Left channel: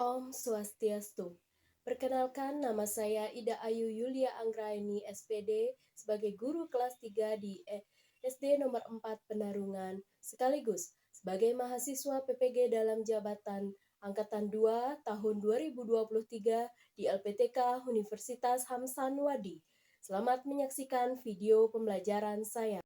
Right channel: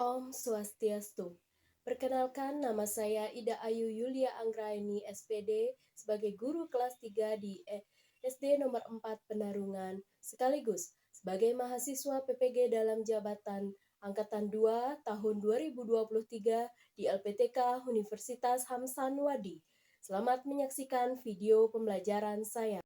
Om Swastiastu. Perkenalkan, nama saya Ida Ayu Yulia Anggraini SPD sebagai guru kelas 3 di SD nomor 4 Penarungan, sekaligus sebagai mahasiswa PPG dalam jabatan Angkatan 2 tahun 2023 di LPTK Universitas Hamsanwadi. Selamat menyaksikan video pembelajaran saya.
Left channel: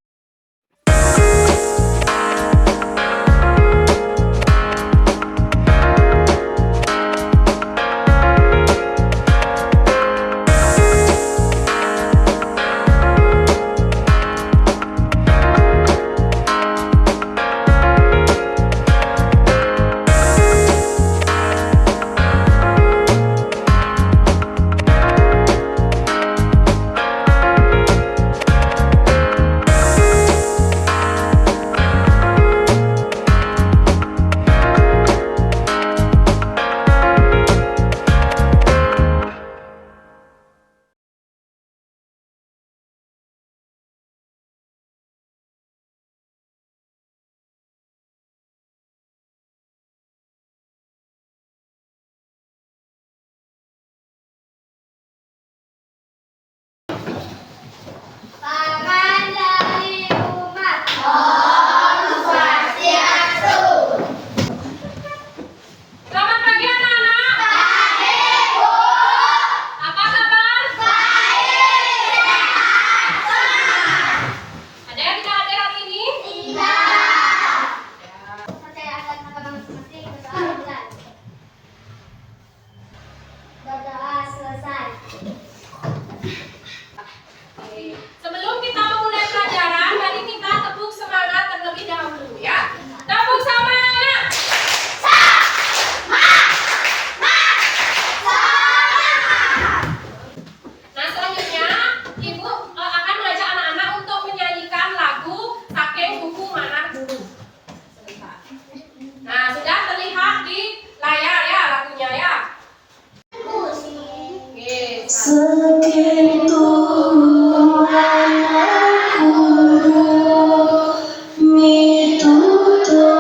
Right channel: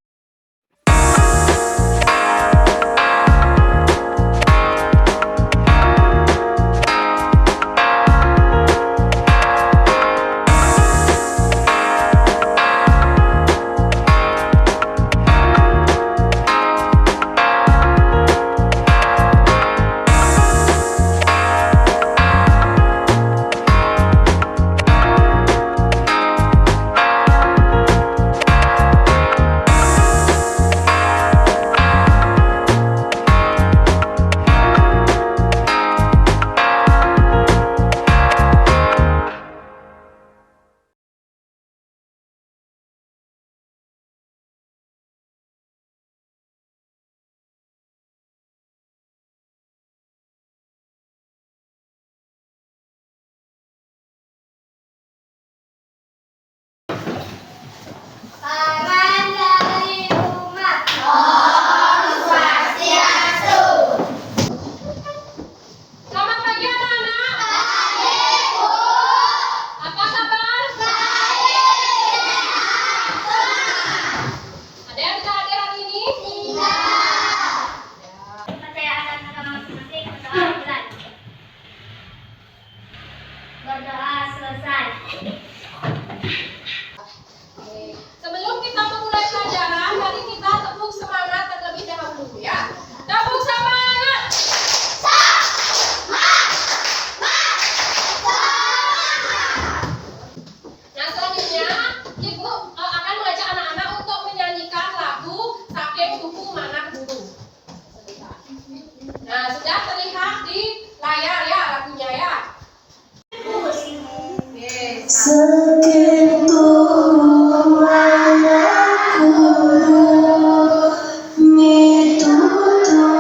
Sebelum kita memulai pelajaran, mari kita tepuk semangat terlebih dahulu ya. Tepuk semangat. Nah, selanjutnya Ibu akan mengajak anak-anak untuk menyanyikan lagu Saking Buku Mana Guru. Nah, sudah terlihat di layar ya lagunya ya. Oke. Saking buku mana guru mitutore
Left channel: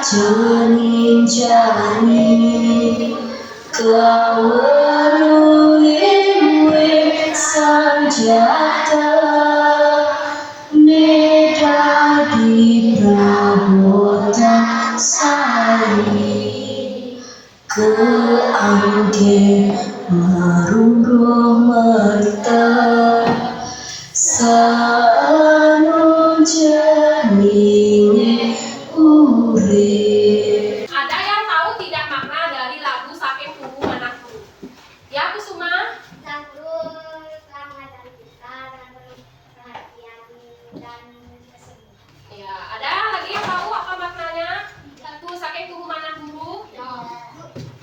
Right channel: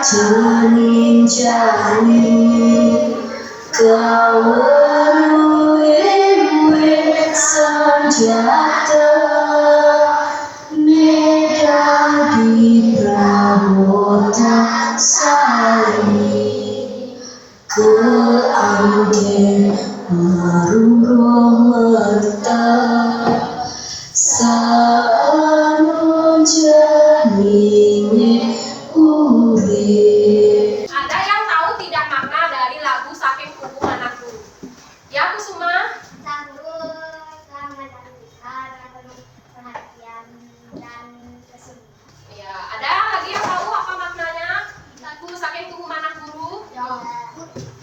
janin-janin kaweruwe sanjata medadi pramotan sari keangge marunggo merta saano janine urip. Ada yang tahu tidak makna dari lagu Saking Buku Mana Guru? Ya, Kusuma? Sang guru telah mengajarkan kita dengan penuh perhatian dan kesungguhan. Ya, ada lagi yang tahu apa maknanya lagu Saking Buku Mana Guru?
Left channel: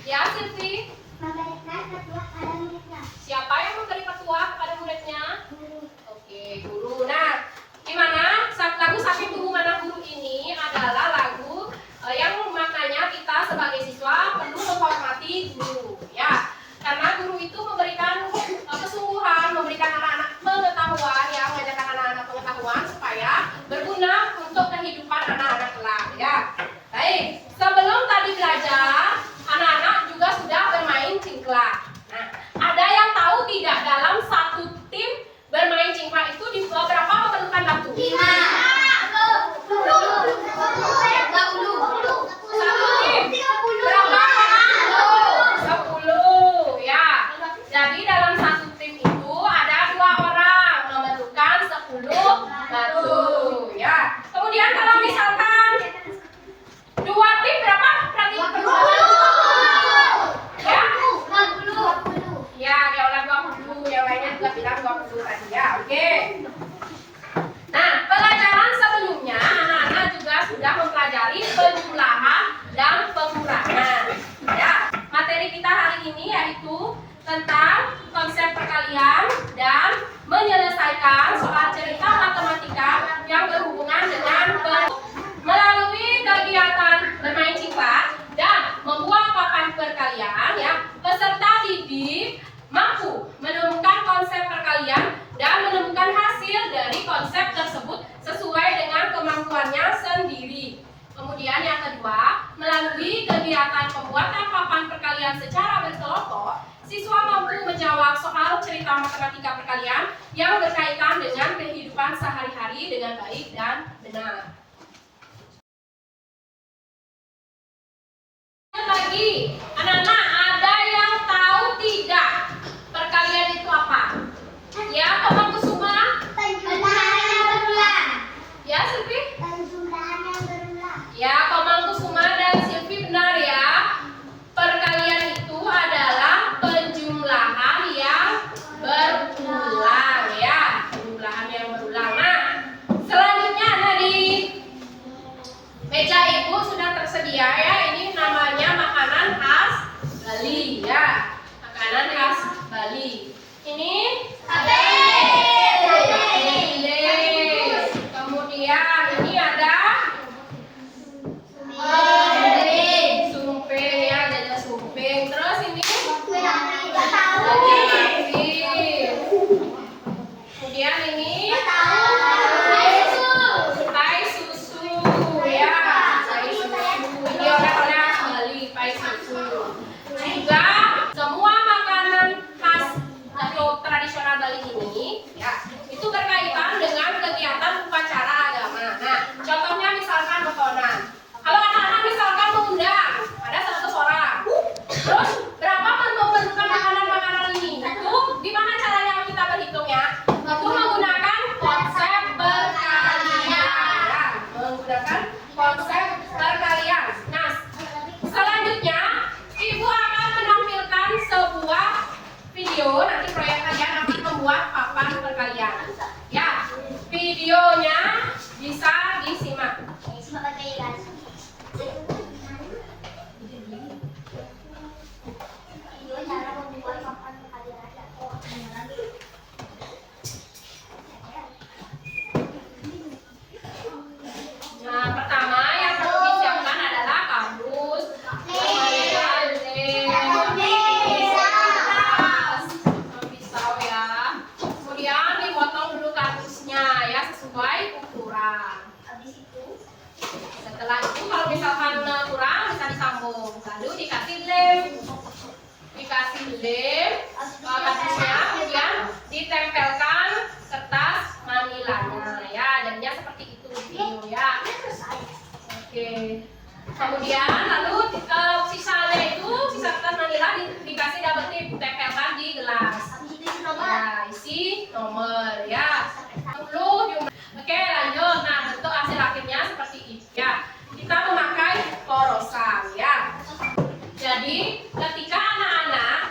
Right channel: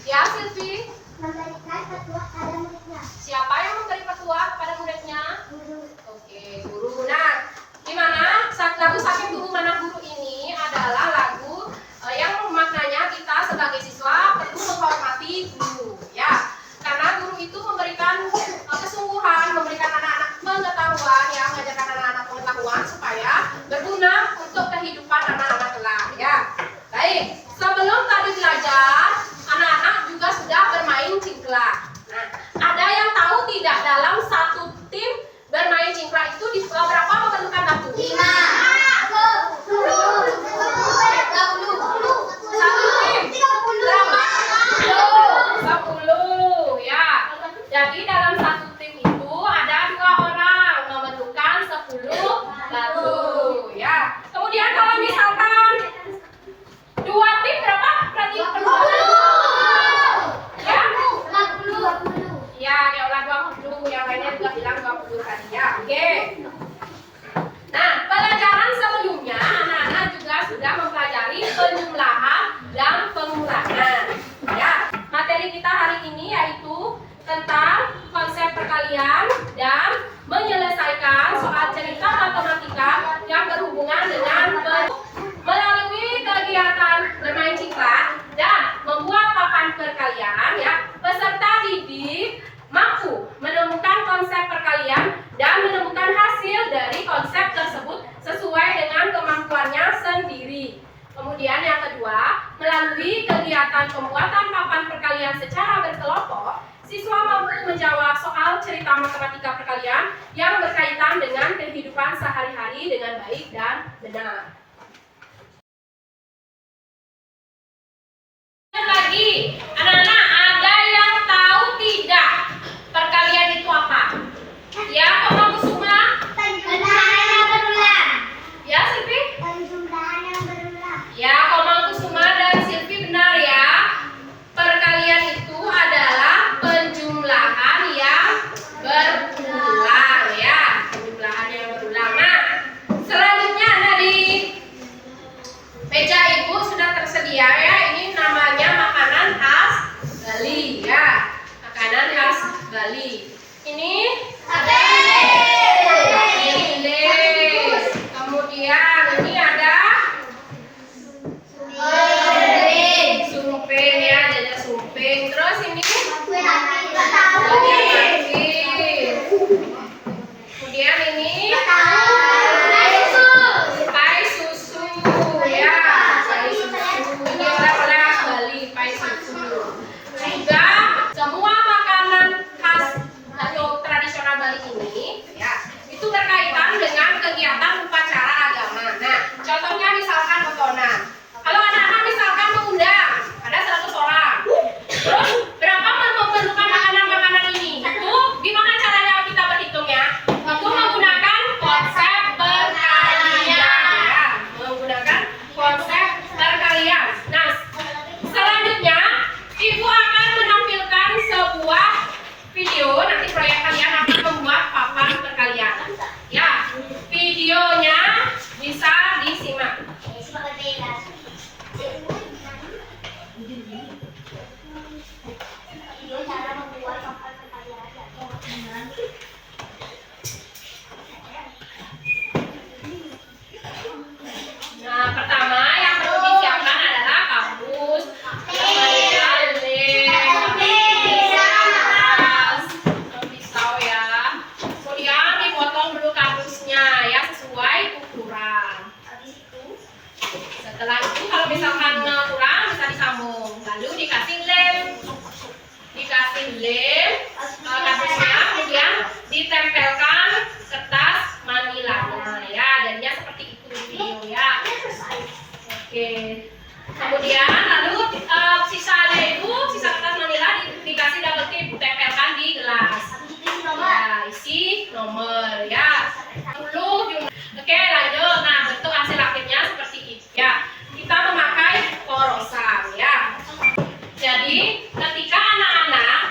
Ya, Silvi? Memberikan petua pada muridnya. Siapa yang memberi petua kepada muridnya? Guru. Oke, guru. Nah, gimana lagu Saking Buku Mana Guru ini adalah lagu yang maknanya kita sebagai siswa perlu menghormati guru, ya. Karena guru itu memberikan kesungguhan, memberikan anak-anak pengetahuan, ya, mengajarkan anak-anak pengetahuan supaya berguna untuk kehidupan anak-anak kelak, ya. Baik, sebelum tadi belajar, anak-anak juga sudah bermain cingklak. Nah, ada yang tahu tidak dalam satu tim bermain cingklak itu di beberapa memperlukan batu? 5. Satu tim berapa? perkalian secara berkelompok, siswa mampu menjawab soal cerita matematika perkalian yang berkaitan dengan kehidupan sehari-hari dengan baik dan benar. Lagi, anak-anak, ada yang tahu tidak perkalian itu apa? Ya, Komang Kusuma? Penjumlahan yang berulang. Ya, Silvi? Penjumlahan yang berulang. Ya, Komang Kusuma dan Silvi benar ya. Perkalian itu adalah penjumlahan yang berulang ya. Penjumlahan yang berulang. Nah, selanjutnya di meja ibu sudah tersedia ya. Ini namanya makanan khas Bali ya. Makanan khas Bali. Ini lele. Kemudian ini ada sumping ya, ada sumping. Terus ini kemudian ini pai susu ya, pai susu. Ini oleh-oleh khas Bali, pai susu. Juga semua makanan khas atau tradisional Bali ini ya, itu berkaitan dengan kegiatan upacara agama. Nah, contohnya misalkan bekonan. Kalau anak-anak misalkan mengundang ada 100 orang. Terus berapa memerlukan makanan-makanan ini? Itu gimana caranya kita berhitungnya? Itu menggunakan konsep perkalian ya, menggunakan konsep perkalian. Nah, selanjutnya ibu akan menampilkan sebuah video. Nanti proyek kalian akan membuat papan perkalian. Ya, videonya bisa disimak. Nah, pertama yang perlu disiapkan adalah kamus, kemudian lem, pisau ya. Kemudian dipotong dulu kardusnya ya sesuai ukuran. Setelah itu kalau misalkan kurang bisa disambung. Lalu dikasih lem, kardusnya, kemudian ditempelkan kertas manilanya ya. Jadinya seperti itu video ya. Oke. Kemudian lalu sisanya itu sisa kertas manila dikasih double tip, tempelkan di gelas. Ya, isi nomor ya. 10 jumlah. Oke, lanjut. Nah, bentuk hasil akhirnya seperti itu ya. Kita memakai porosan ya. Jadi, ketika anak-anak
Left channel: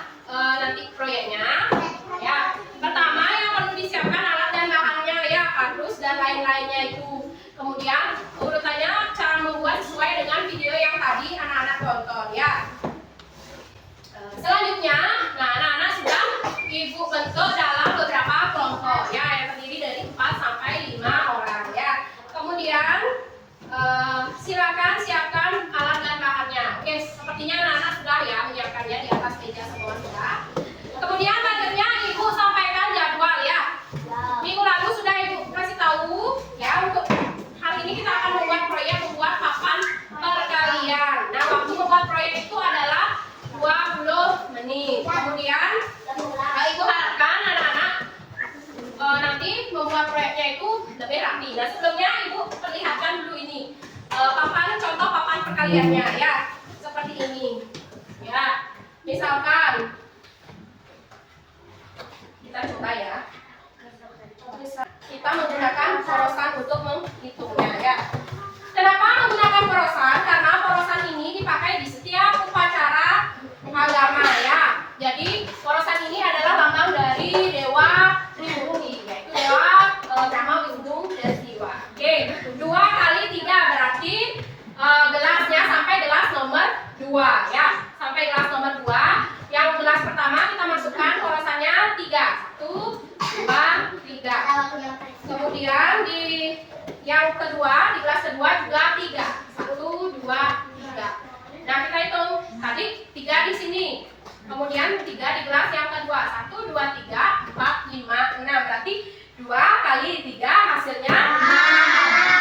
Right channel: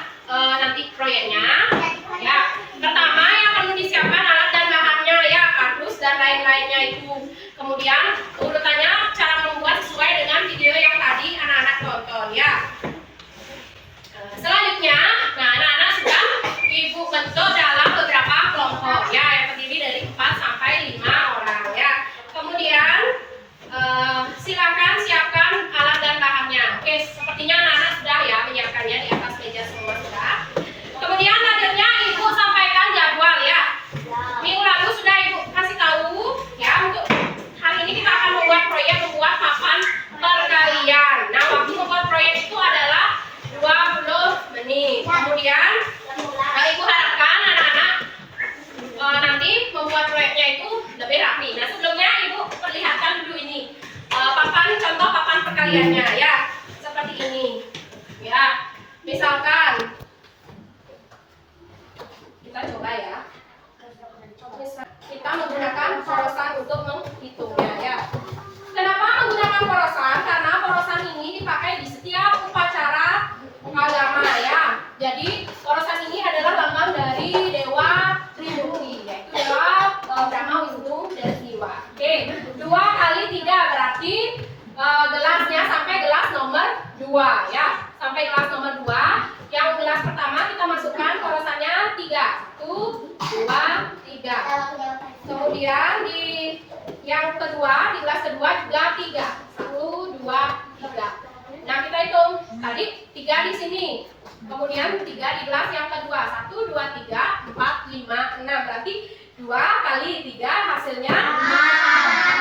nanti proyeknya ya, pertama yang perlu disiapkan alat dan bahannya ya, kardus dan lain-lainnya itu. Kemudian urutannya cara membuat sesuai dengan video yang tadi anak-anak tonton ya. Selanjutnya, nah anak-anak sudah ibu bentuk dalam beberapa kelompok ya, yang terdiri dari 4 sampai 5 orang ya. Kemudian silakan siapkan alat dan bahannya. Oke, sepertinya anak-anak sudah ya menyiapkannya di atas meja semua sudah. Kemudian selanjutnya ibu sampaikan jadwal ya. Minggu lalu sudah ibu kasih tahu ya, untuk hari ini kita akan membuat papan perkalian. Nah, waktu membuat proyek itu adalah 20 menit. Kemudian ibu harapkan anak-anak nanti membuat proyeknya itu lebih rapi. Nah, sebelumnya ibu perlihatkan dulu ini contoh papan perkaliannya ya, seperti ini ya. Misalkan kita coba ya, kita menggunakan porosan untuk menghitungnya ya. Kenapa menggunakan porosan? Karena porosan ini dipakai di setiap upacara agama ya. Jadi porosan ini adalah lambang dari Dewa Tribhuti, yaitu Dewa Brahma, Wisnu, dan Siwa. Oke, 2 kali 3 berarti gelasnya sampai gelas nomor 2 ya. Sampai gelas nomor 2. Yang gelas pertama kita masukkan porosannya 3. 1, 2, 3. Kemudian di yang kedua, di gelas kedua juga 3. 1, 2, 3. Nah, kita hitung. Tadi 3 di sini. Kemudian 3 di gelas yang kedua. 1, 2, 3, 4, 5, 6. Berarti 2 kali 3 hasilnya 6.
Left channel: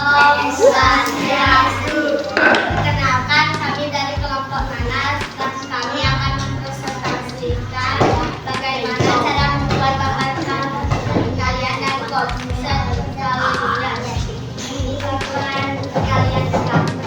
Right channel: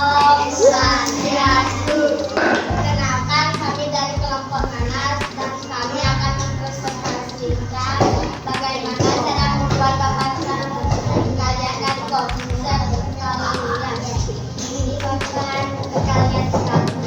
Om Swastiastu. Perkenalkan, kami dari kelompok Nanas dan kami akan mempresentasikan bagaimana cara membuat papan kalian dan kok bisa kalian. Ini papan kalian sekarang.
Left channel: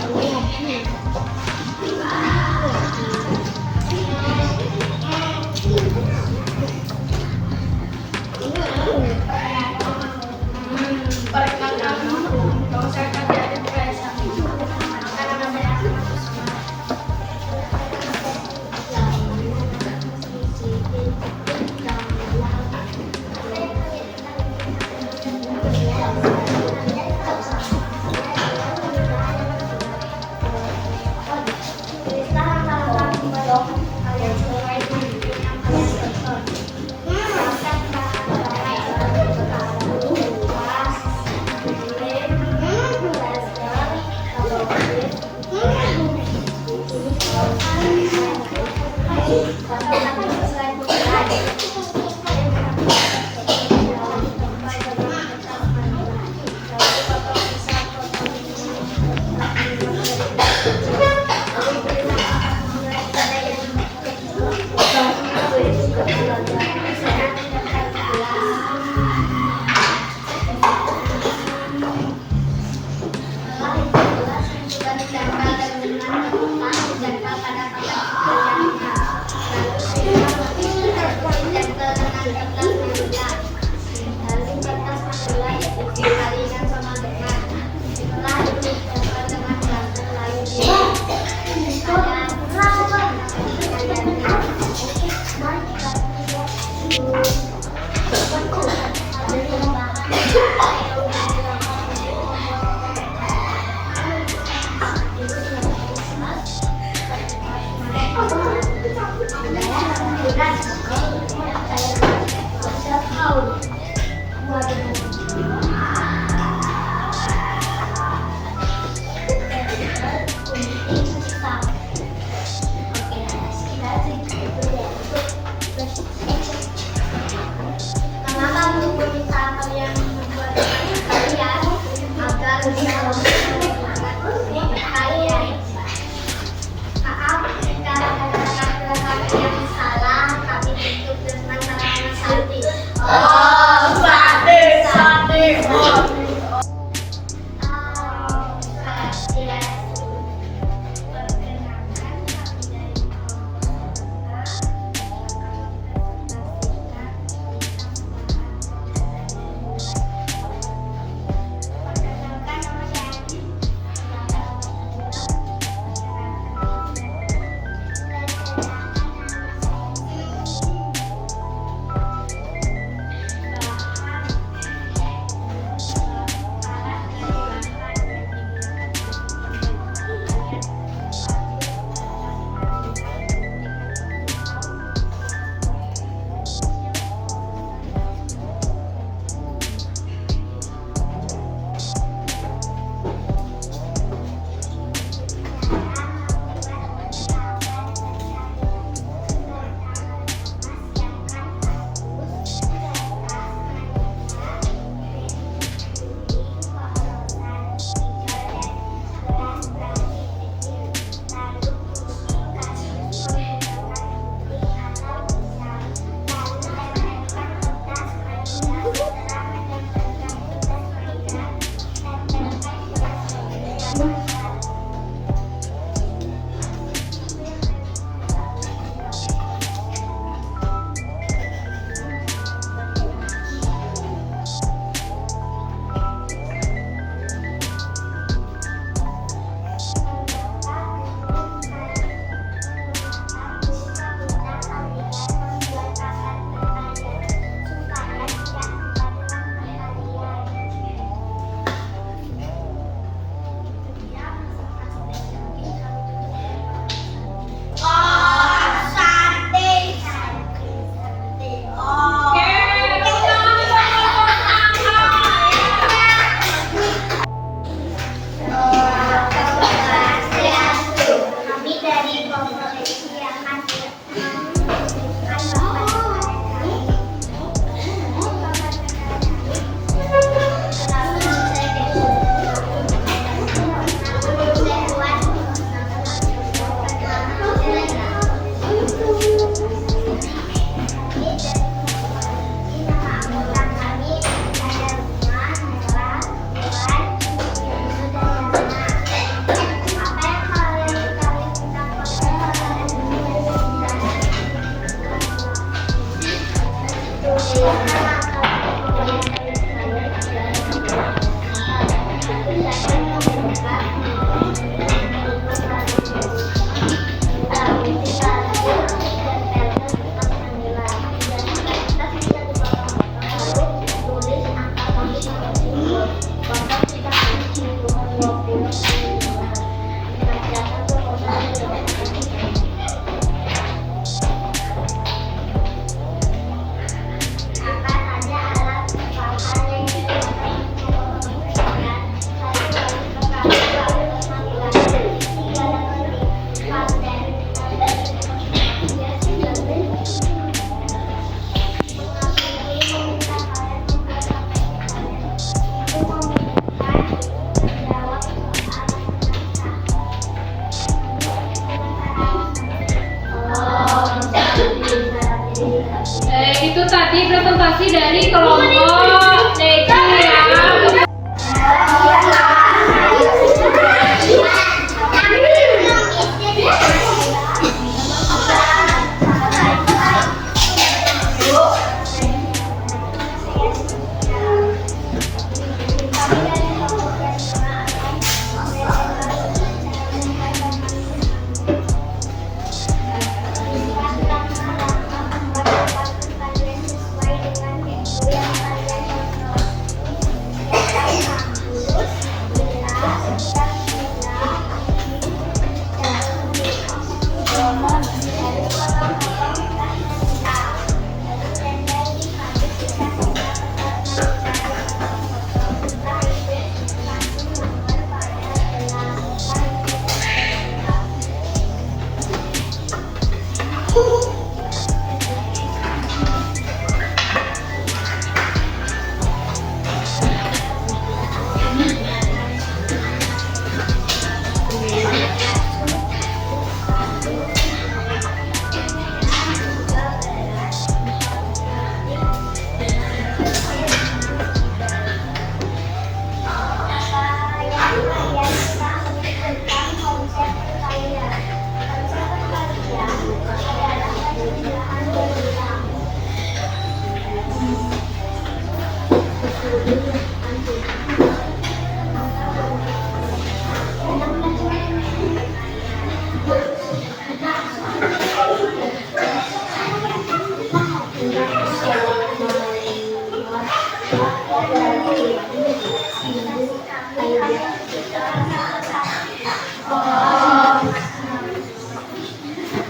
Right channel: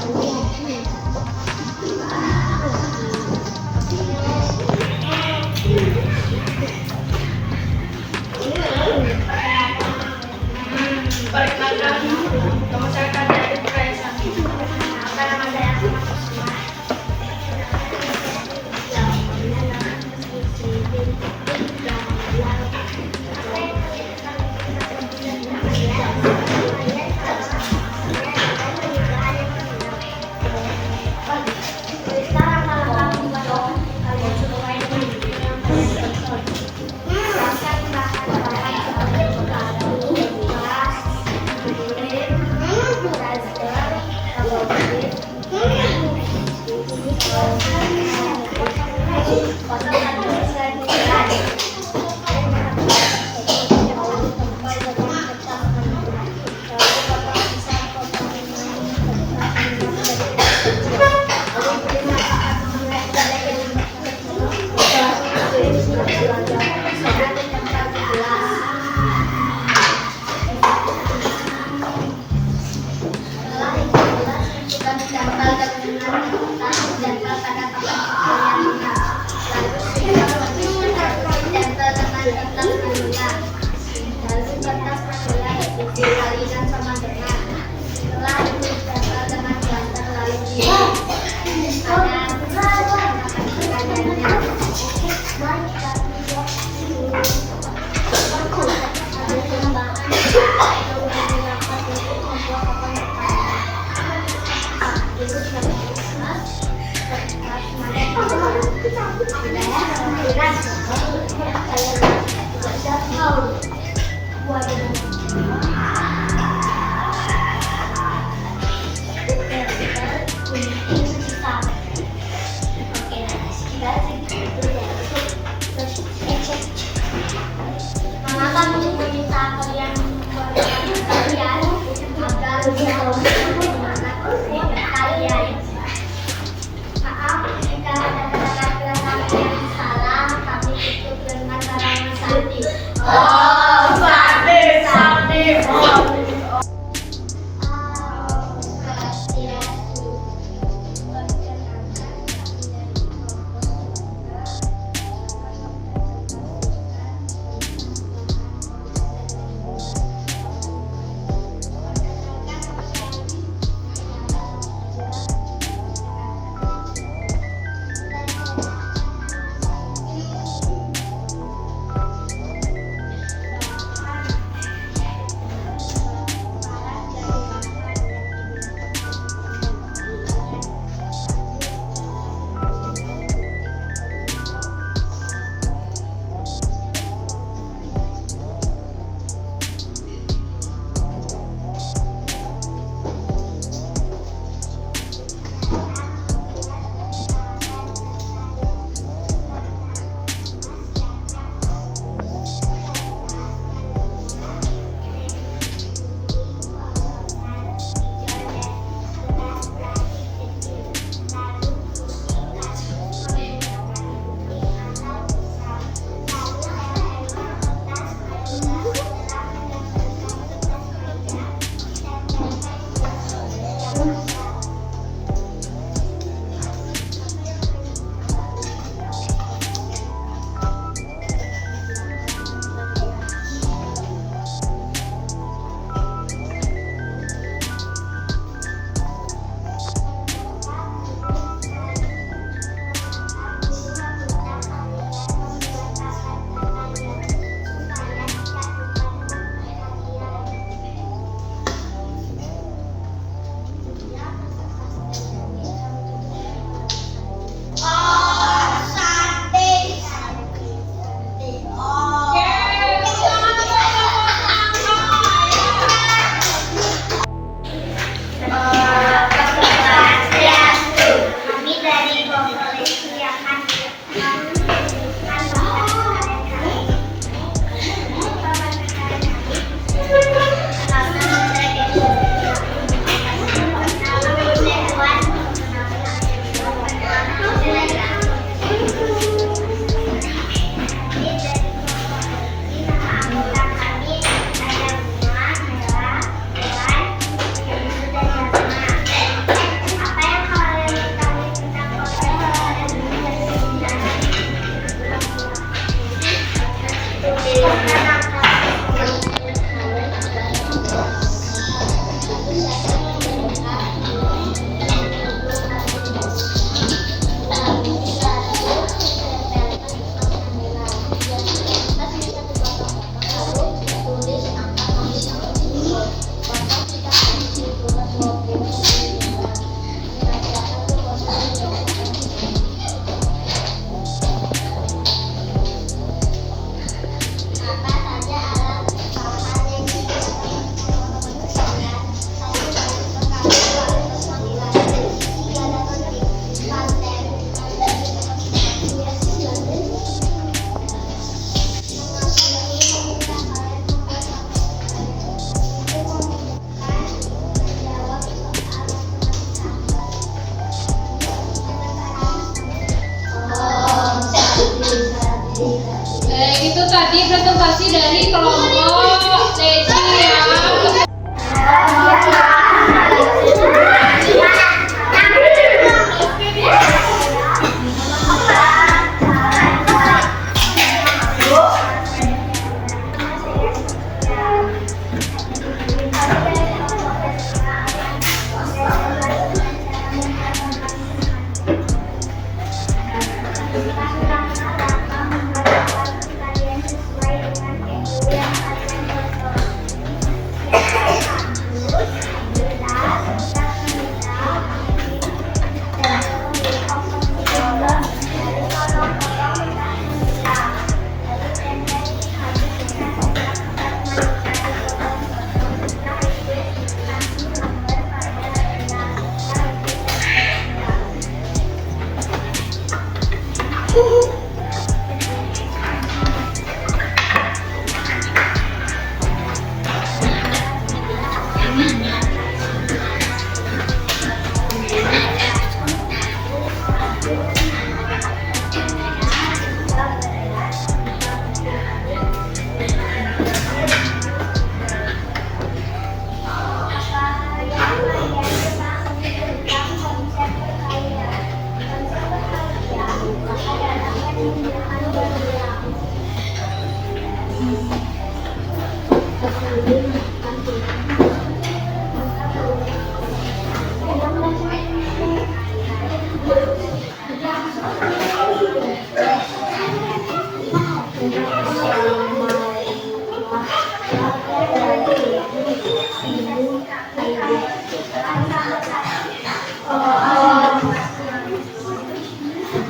Itu tadi presentasi dari kelompok Leci ya.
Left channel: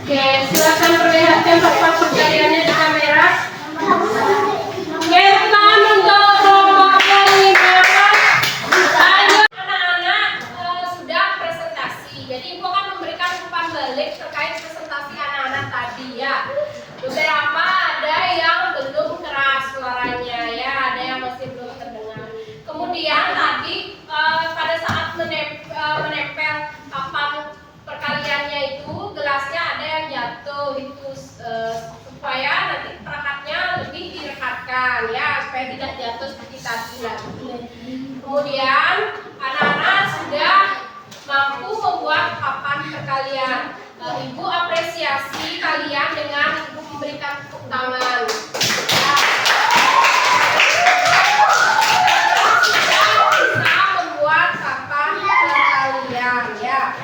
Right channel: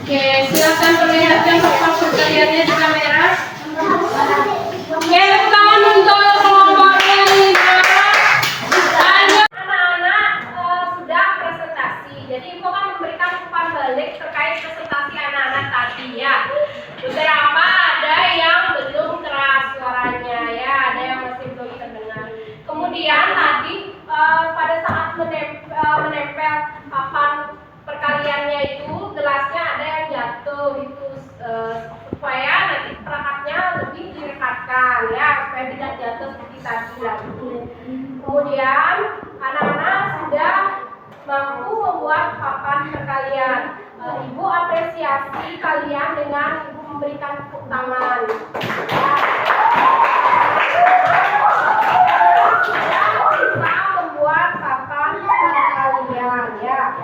Oke, silakan perlihatkan papan perkaliannya di kamera. Oke, tangan untuk kelompok yang 15. Ayo anak-anak sudah presentasi. Jadi Ibu akan memberikan umpan balik terkait presentasi anak-anak tadi ya. Beberapa ada yang belum keras suaranya ya, ada yang masih belum terdengar. Kemudian tadi pada saat menempel papan perkaliannya itu gelasnya ada yang jatuh itu supaya nanti perangkatnya lebih direkatkan ya, supaya tidak jatuh seperti tadi lagi. Kemudian anak-anak sudah mampu membuat papan perkalian. Ibu apresiasi kalian dengan Ibu memberikan tepuk tangan. Bisa membuat papan perkalian ya.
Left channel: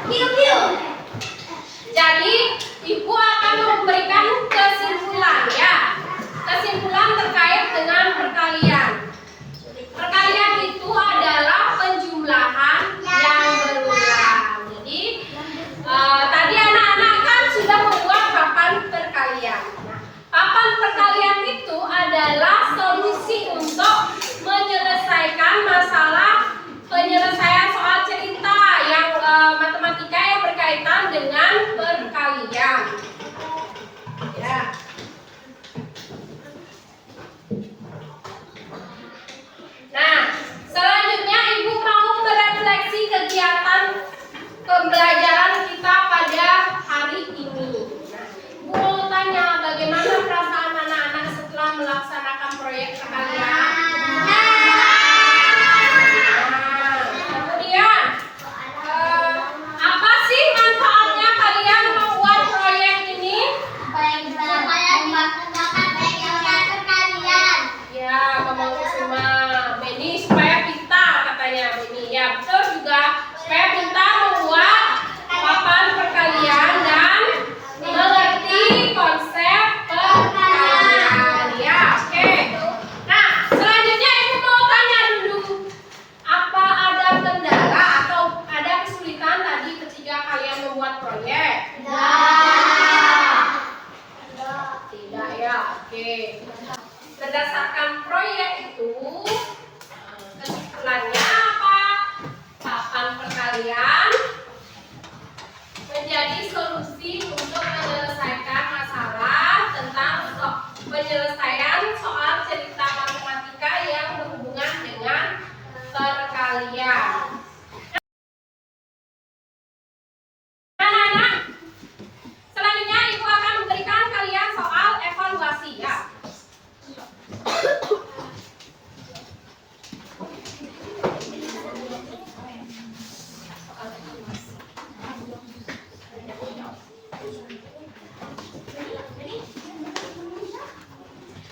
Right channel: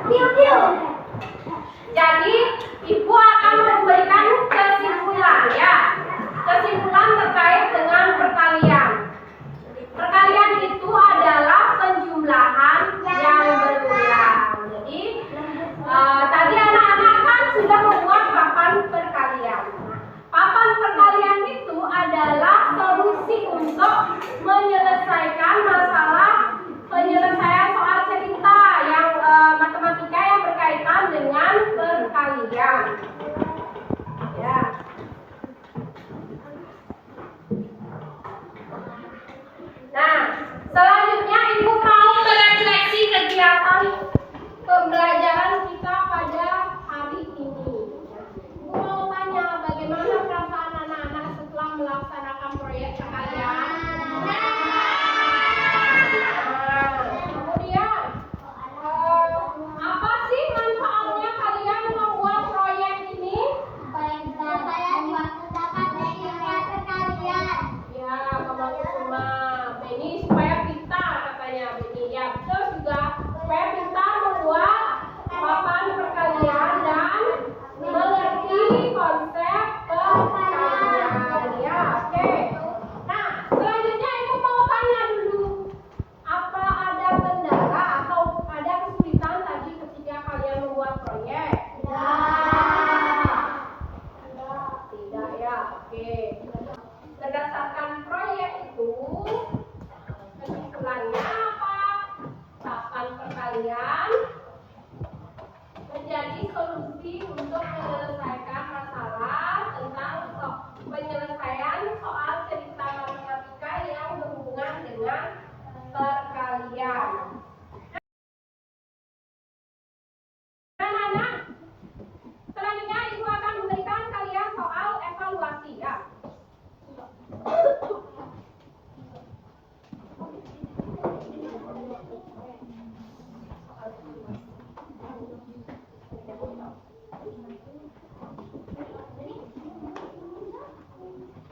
Jadi Ibu akan memberikan kesimpulan ya. Kesimpulan terkait dengan perkalian. Perkalian itu adalah penjumlahan yang berulang. Jadi tadi anak-anak kan sudah membuat papan perkalian. Papan perkalian itu adalah solusi untuk menyelesaikan masalah penyelesaian soal cerita yang matematika yang berkaitan dengan perkalian. Ya. Nah, selanjutnya Ibu mau merefleksi kegiatan pembelajaran kita pada hari ini. Ibu mau tanya bagaimana perasaan anak-anak setelah melaksanakan proyek perkalian? Kemudian apa sih manfaatnya kalian membuat proyek ini? Ya, Mama Kusuma, Beni supaya pintar katanya Beni. Ya, betul juga supaya pintar membuat papan perkalian dan mengerti konsep perkalian. Ya, oke. Nah, selanjutnya Ibu mau tanya dulu, apa ada kendala atau ada kesulitan tadi ketika kalian membuat proyek? Tidak ya, oke. Berdasarkan proyek itu, kesimpulannya apa? Papan perkalian menjadi solusi untuk menyelesaikan masalah tentang penyelesaian soal cerita matematika yang berhubungan dengan perkalian. Anak-anak, selanjutnya Ibu akan memberikan kalian soal evaluasi ya.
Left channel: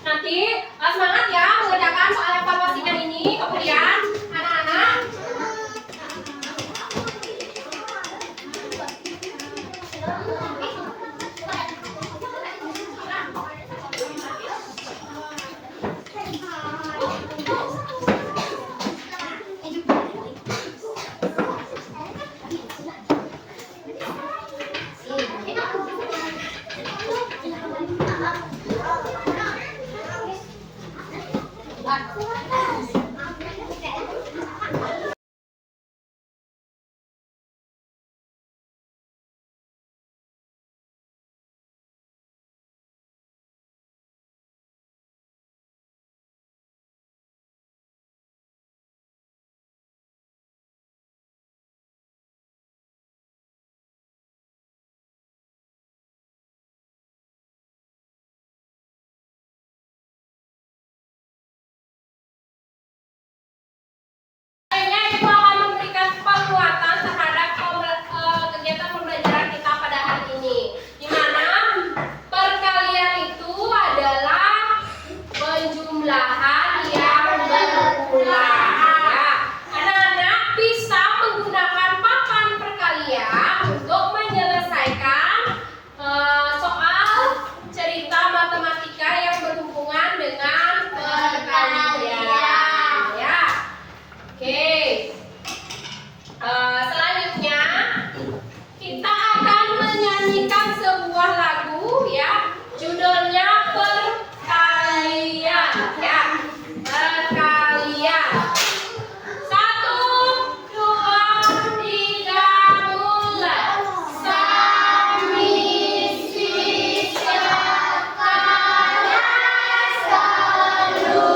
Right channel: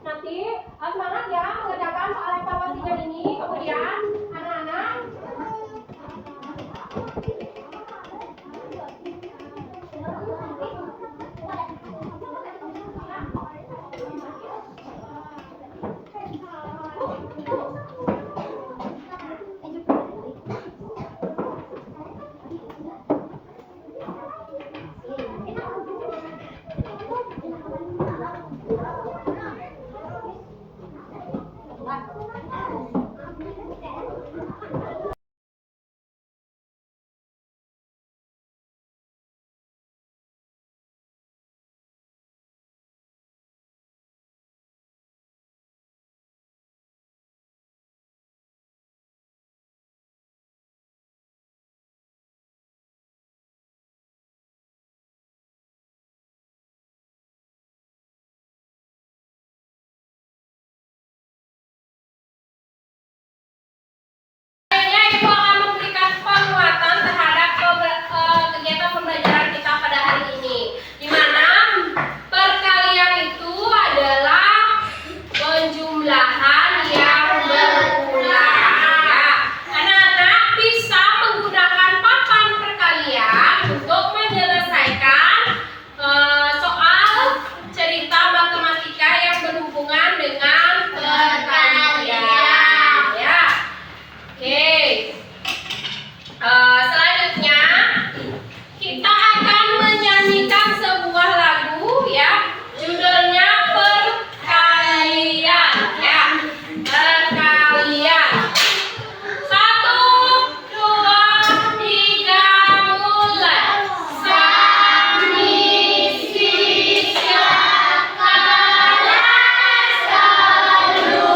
Nanti semangat ya mengerjakan soal evaluasinya ini. Kemudian anak-anak ibu akan memberikan penguatan terhadap kegiatan pembelajaran kita pada hari ini, di mana perkalian itu adalah penjumlahan yang berulang. Ya. Anak-anak bisa menggunakan papan perkalian untuk menyelesaikan soal cerita matematika yang berhubungan dengan perkalian. Ya. Oke. Selanjutnya kita akan menyanyikan sebuah lagu ya, judulnya Perkalian ya. Perkalian. 1, 2, 3 mulai. Sami sisa kala selalu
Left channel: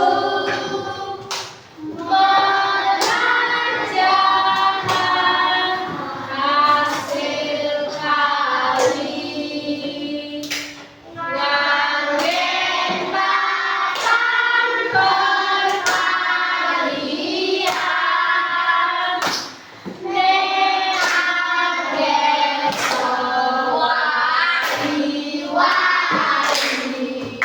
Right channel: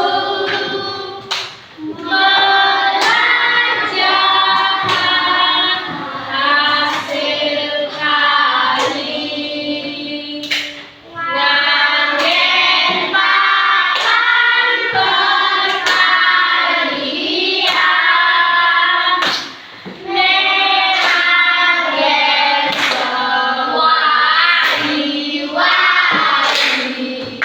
hasil kali nganggen papan perkalian neanggen sewari-wari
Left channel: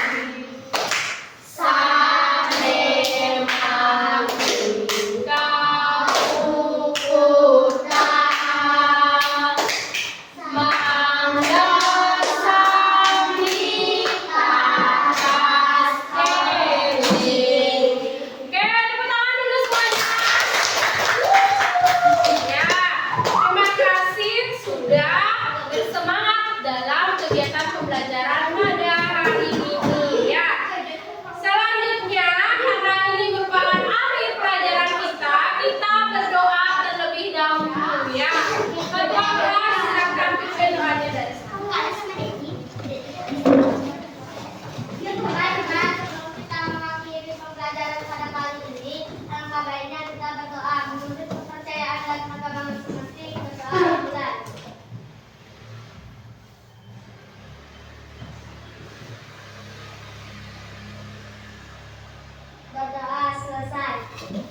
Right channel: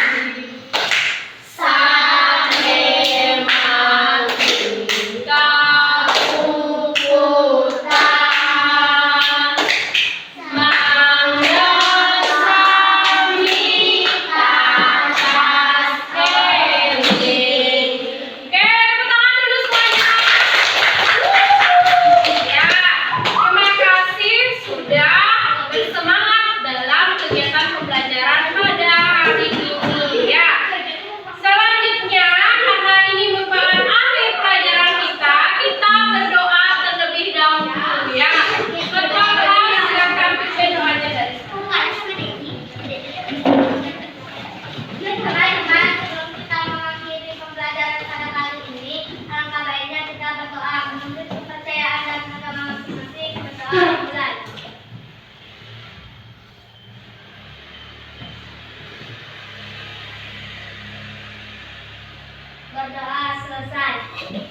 sambil mangga ukuran mangga sami atas eling. Oke, tepuk tangan dulu semuanya. Ya, terima kasih sudah bersemangat dalam kegiatan pembelajaran pada hari ini ya. Selanjutnya, karena ini merupakan akhir pelajaran kita, kita berdoa terlebih dahulu ya. Berdoa, silakan pimpin doanya dari saya. Sebelum kita mengakhiri pembelajaran pada kali ini, alangkah baiknya kita berdoa menurut kepercayaan dan agama masing-masing. Berdoa mulai. Berdoa selesai.